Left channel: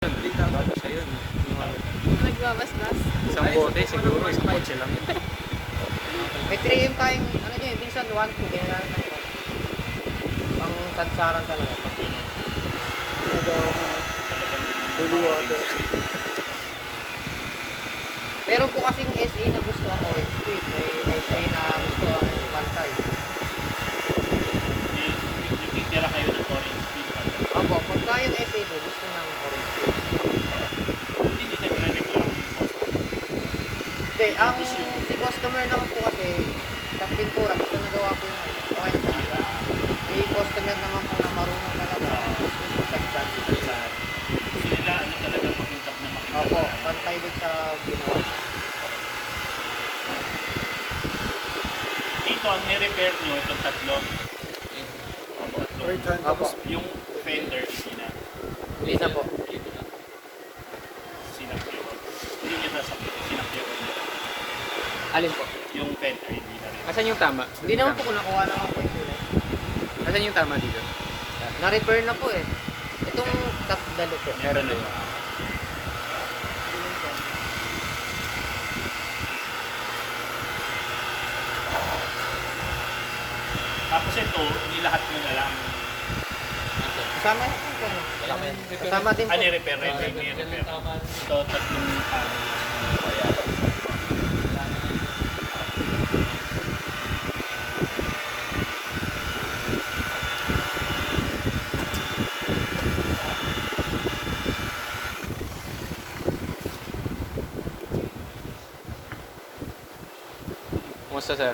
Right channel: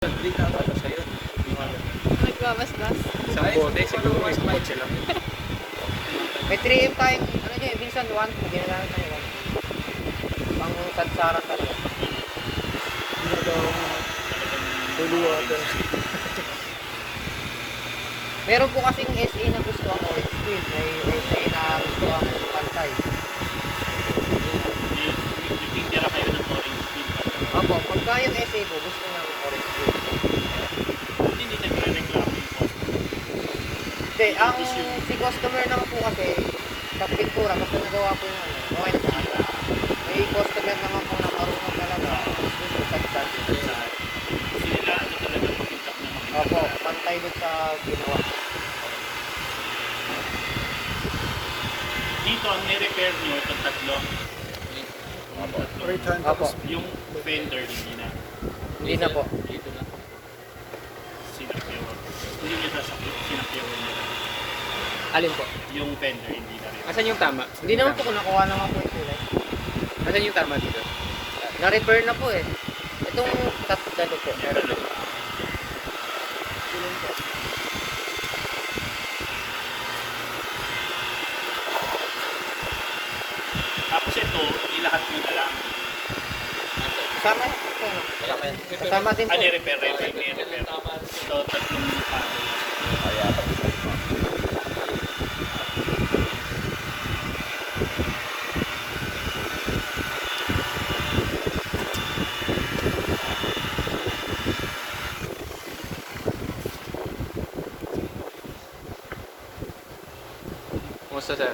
Batas kayo. Nagbabasbas. Isang bote, siguro isang kotse lang yun. May 3M tayong, ano niya, minsan 1, 2, ginagawa na yung 1. Pang satsaran talaga. Holy water. Meron po kasing SA na gusto ang orange speed. May SA na gusto ang pantay. Titira kayo ng orange speed. Opo, pagka yung SA po, gusto ng orange speed. Hindi ka talaga yung Hindi, ang si customer naman po kasi, sa pintura, basta nagawa po yung ano, okay na sa kanya. May customer naman po na marunong talaga. Gusto sa sila ano talaga papuntak na makita. Opo, pantay din sa ginawa. Dito ang ni-repair nyo itong tatlo. Right hand Opo, Yung fender hindi na. hindi na po. Dito na. Sinakyaw. Hindi nyo sasakit. Sinakyaw nyo. Alin po? Yung fender hindi na rin. Asan yung tama? Hindi naman po kung nakuha naman po yung kulay. Asan yung tama dito? Na-repair na po eh. Itong dalo po. Dalo. Tapos ito, ilahat mo na lang. Kasama yun po. No? Kasama din po. Ni-repair. Ni-repair. Ito, tatlong Kumusta sir?